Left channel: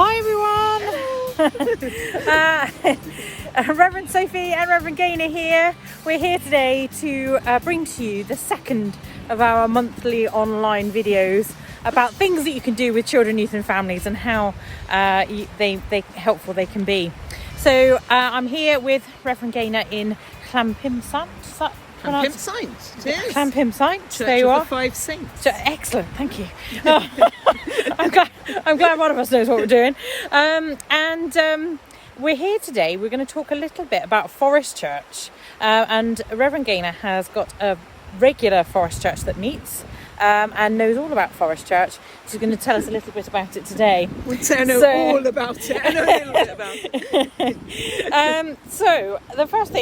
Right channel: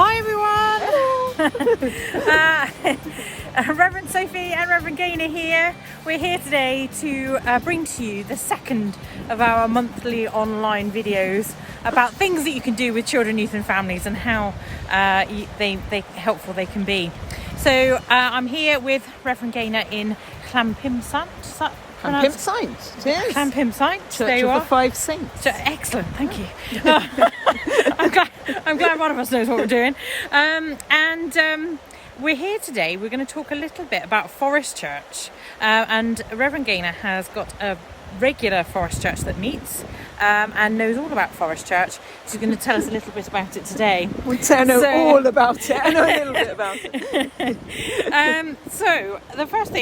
Hi everyone! Revd Sophie and Revd Gaynor here. We're here today to bring to you the second of our monthly online videos about things that you can do with children, youth and families and how they helpful they can be. So I'm here with Revd Gaynor in Llampimsaint. Llampimsaint, There you of are. the Five Saints. Excellent, thank you. I'm glad one of us knows what we're doing. We're here today. We're going to talk a little bit about Forest Church. And Revd Gaynor has got a regular Forest Church that meets and knows all about Forest Church. She's going to tell us a little bit about it today. We know all about it. I know a little bit about it. So the first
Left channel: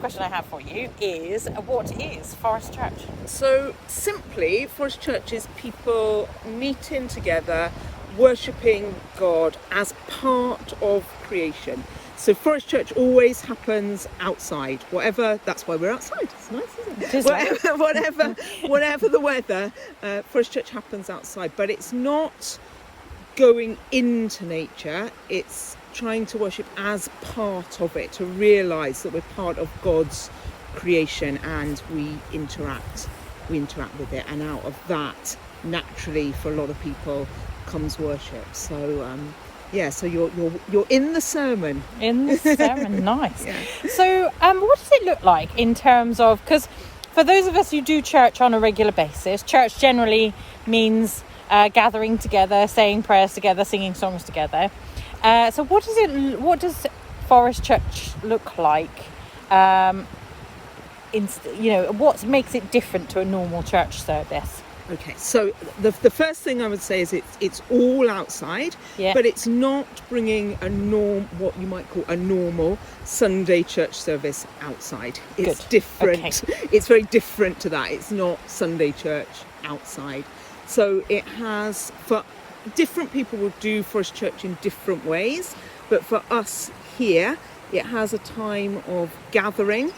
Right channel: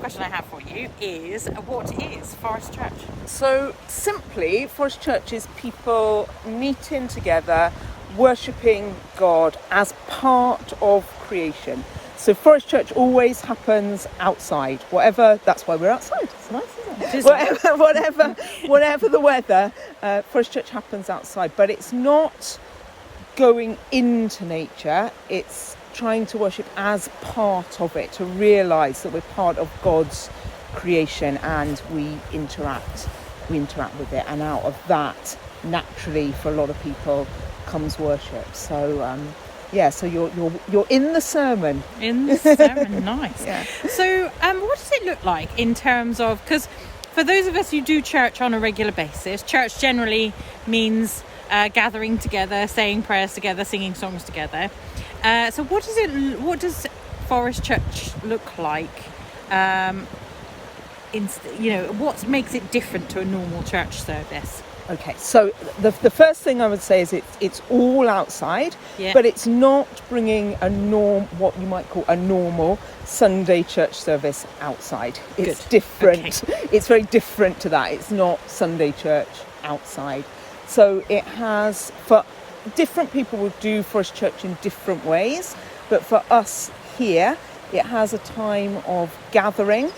question I have for you is, what is Forest Church? So simply, Forest Church is people meeting together, worshipping God as part of creation. So Forest Church always happens outside, that's why we're outside. It's nice, isn't it? Whatever the weather, Forest Church happens outside, but it's not going into nature, it's trying to worship as part of it, to realise that we're part of God's creation and we interact with it, and out of that, naturally, for a lot of people, comes worship. So so you're in the sermon. Nice. Yeah. So what does it look like in terms of, because for those of us who do church on a regular basis, church generally means gathering together, saying prayers together, singing songs together. So what does Forest Church look like? What makes it different to a normal church service? Okay, so the first thing I would say is it's all outside, but it's not bringing what you might call a normal Sunday church service outside. It's different. Okay. It's very different to that. It's not Sunday church outside. So it has, for different people will do Forest Church in different ways, but for us here, it has a time of gathering.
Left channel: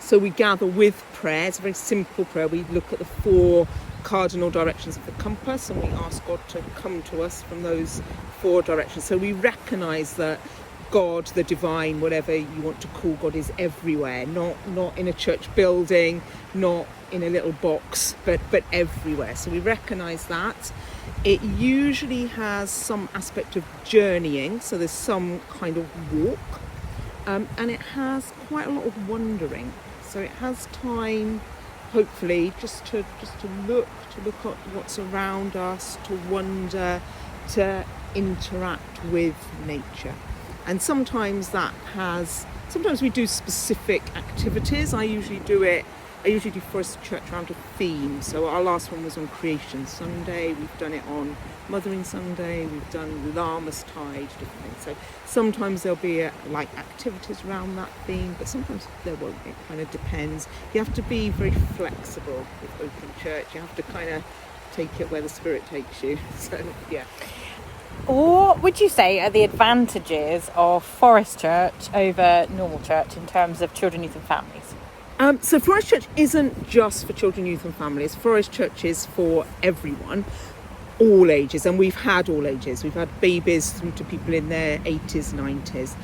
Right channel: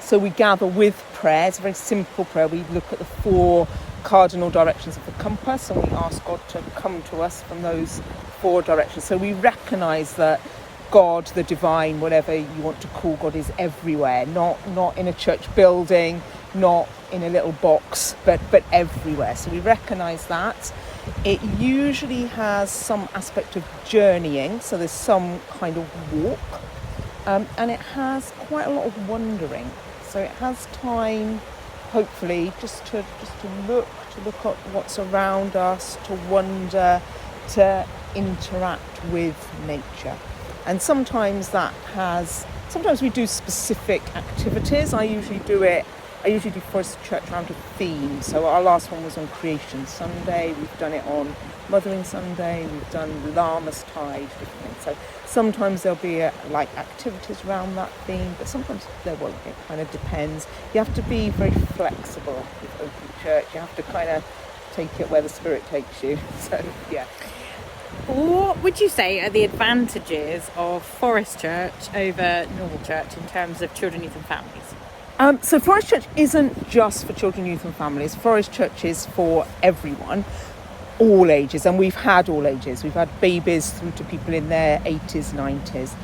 So we gather with prayer. It's a very simple prayer. We look at the 4 cardinal directions of the compass and we ask God to come to us from those 4 directions. So we recognise that God, the divine, whatever you want to call God, is everywhere. Not in a church building, not in a little box, but everywhere. So we recognise that. It usually has some aspect of journeying. So there's some kind of walk. And it has quite a lot of wandering. So it has time, hopefully, just to look at what's around us, to wander, to interact with nature. And sometimes we do specific activities. I usually do Forest Church around a theme. So our last one was on Creation Sunday. We've done it on Mothering Sunday. We've done Lammas Tide, different things. So sometimes there'll be activities around that theme, but sometimes there won't. It kind of depends. You have to be very flexible with open church. You have to kind of take it where the Spirit takes you. So yeah. What would you say are the advantages of Forest Church over normal church in terms of children, youth and families? So Forest Church isn't just for children, youth and families. Forest Church is for everyone, all ages, and we've had all ages. We've had babies through to people in their 80s, 90s.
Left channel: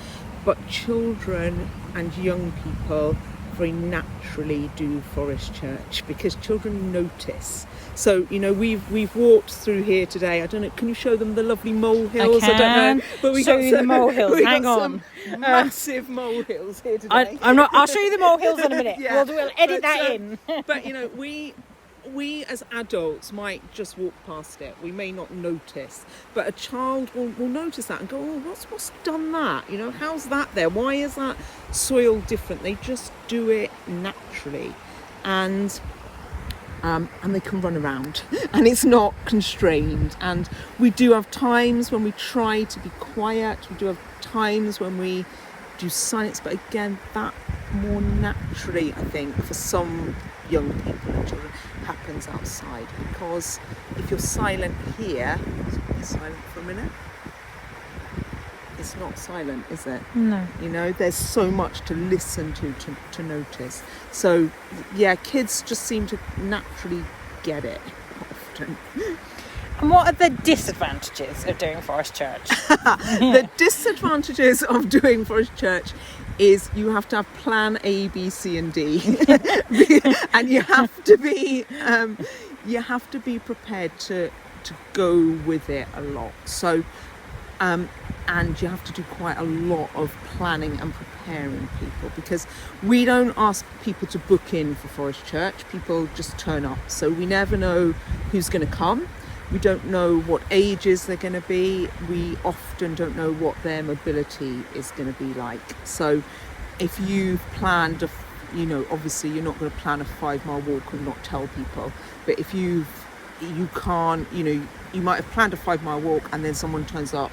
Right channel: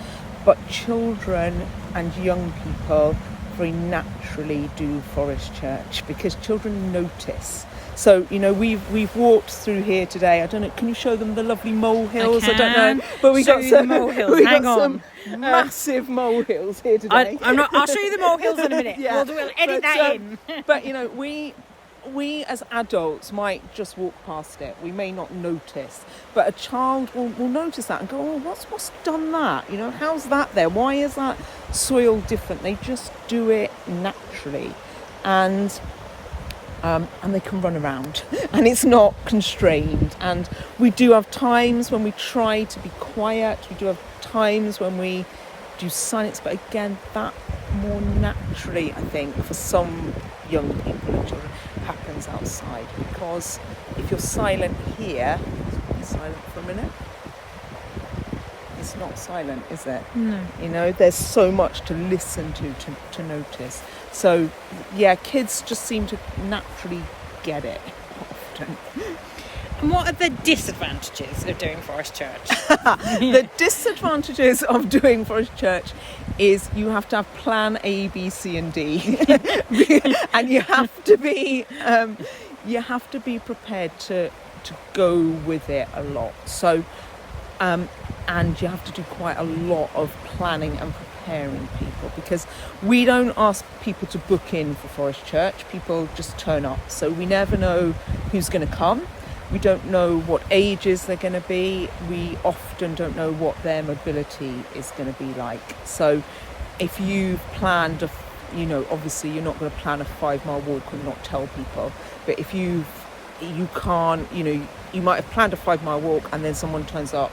But children and young people very naturally do Forest Church because children notice. So, we've walked through here today. I don't know, can you show them the lovely molehills? I don't know. But we got some molehills. Hang on. Massive molehills here today. I'll show you the molehills in a minute. Yeah. We'll edit that in. But, we as adults might just walk past it. We may not notice. But a child will notice that and go, oh, what's done that? How's that there? Why is that soil different? They just do it naturally. And they can run around and it's not constrained. And we do have times when we try to be quiet. We do have times when we do silence, but again, that more naturally, I think, for some young people and children, happens outside. Because if you're silent here, be silent for a minute. It's not silent, is it? No. There's so much to listen to notice. So, yeah, kids just seem to naturally get it often. And what are the disadvantages of doing Forest Church? The disadvantages of doing Forest Church is you have to have plan A, B, C and D. And you have to be prepared to go with it a lot. So and you have to do quite a lot of planning and preparing people, because we don't ask people to book in for Forest Church. People just turn up, so we never know who's going to come. We don't know what ages they're going to be. We often don't know what their mobility is going to be like. So if you've planned obviously you're not going to plan a 5-mile walk and not tell people, but if you can't, you might have planned a 5-mile walk and then someone turns up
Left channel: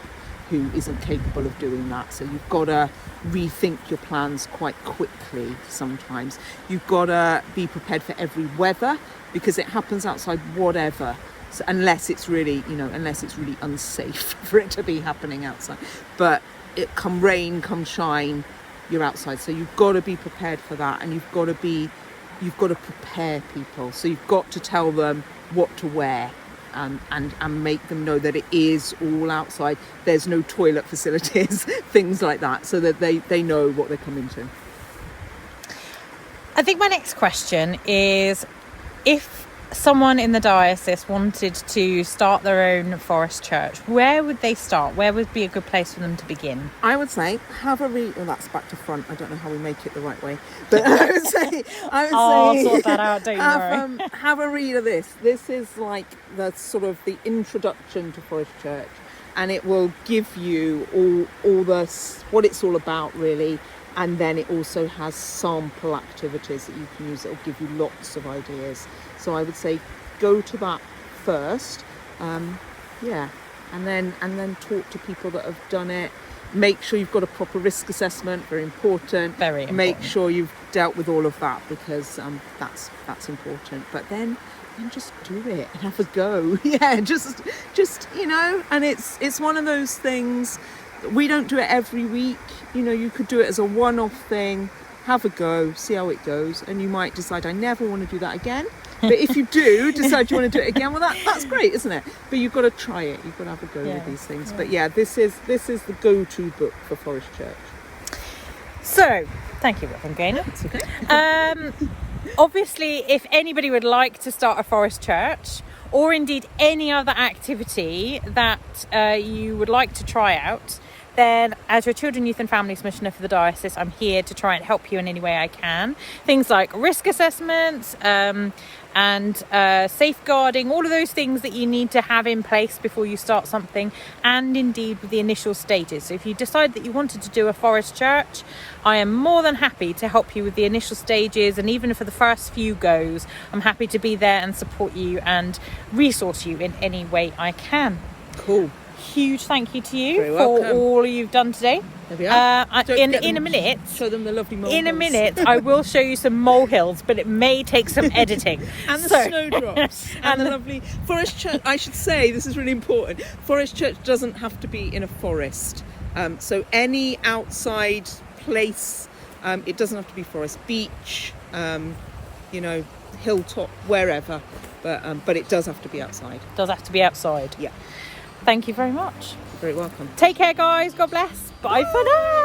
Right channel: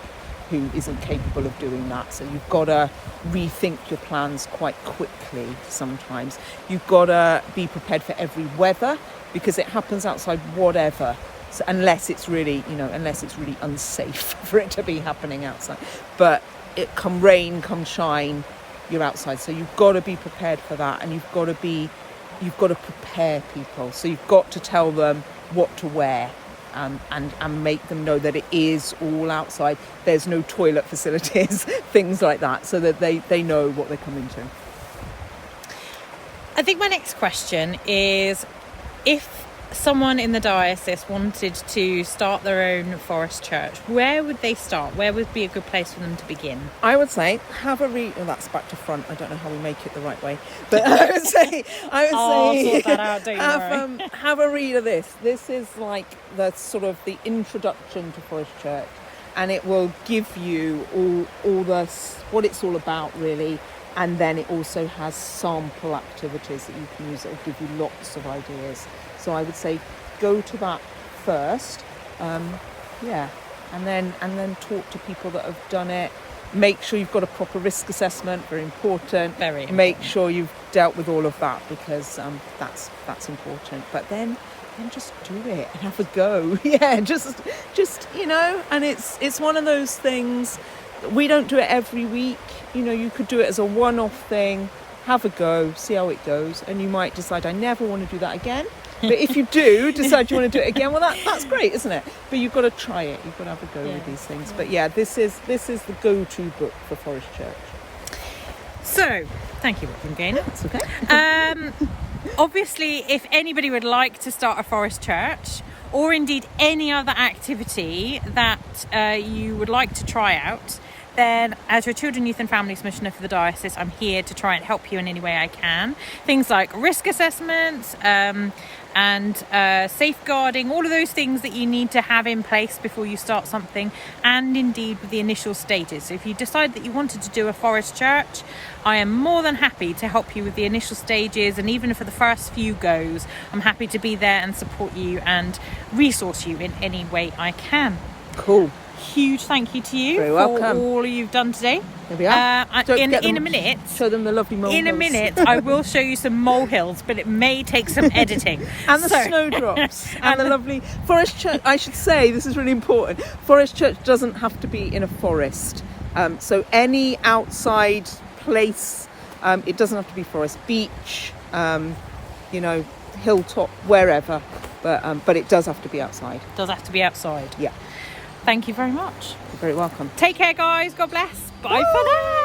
who isn't capable of doing that. So you've got to rethink your plans quite quickly sometimes. You've got to be prepared for every weather, because it happens outside whatever. So unless it's really unsafe for it to be happening outside. But it come rain, come shine, you're outside. So you've got to be prepared for that, and you've got to prepare people. So you've got to tell them what to wear. And make them know that it is all outside. There's no toilet facilities, things like that, so that they know what they're coming to. I think my next question is, if someone in the diocese wanted to start their own Forest Church, where would they start? Where would be a good place for them to begin? I would say have a read. Well, that's back to front. I don't know how we make it the right way, but I would say sort that out, don't you worry. Have a read of this. This is like the sort of the introduction to Forest Church, and it will give you all what it's all about, really. And then it also has sample activities that you can use. It will give you lots of ideas. So I would say go to that first, and then talk to people that have done it. Make sure you've got a proper risk assessment, very important. Very important. Make sure you've dealt with all of that, because that's important. But then just do it, have a go. Yeah, just and it's one of those things. We don't do it every week. You could do it as a one-off thing. Have a go, see how it goes, and you might decide, I never want to do that again. But if you do decide you want to do it again, well, that's great, isn't it? But you've got to try it. You've got to have a go with these things. But yeah, this is the go-to book for Forest Church. So, thank you, Revd Gaynor. That's okay. Obviously, if anybody would like to start a Forest Church, or indeed any other activity that you would like to try out, then as your Children, Youth and Families Commissioner for the Diocese, I'm here to try and help you in any way I can. Things like risk assessments and safeguarding, all of those things that you need to have in place before you start something, and indeed with the initial stages. So if you decide that you wanted to do a Forest Church, I am more than happy to help you with the initial stages, and even for the first few goes, I'm happy to be there and support you and resource you in any way I can. Cool. Huge thank you to you Very for welcome. all you've done today. There we are. In a minute, show them the lovely molehills. In a minute, I will show you some molehills, but it may take some editing. And the snowdrops. And the lovely Forest Church. I should say, this is really important. Forest Church doesn't have to be in a forest. So any outside place, it doesn't have to be forest, beach, hilltop, wherever. But it does have to be outside. Does have to be outside. Yeah. Thank you very much. You're very welcome. Take care, guys. God bless. Bye for now.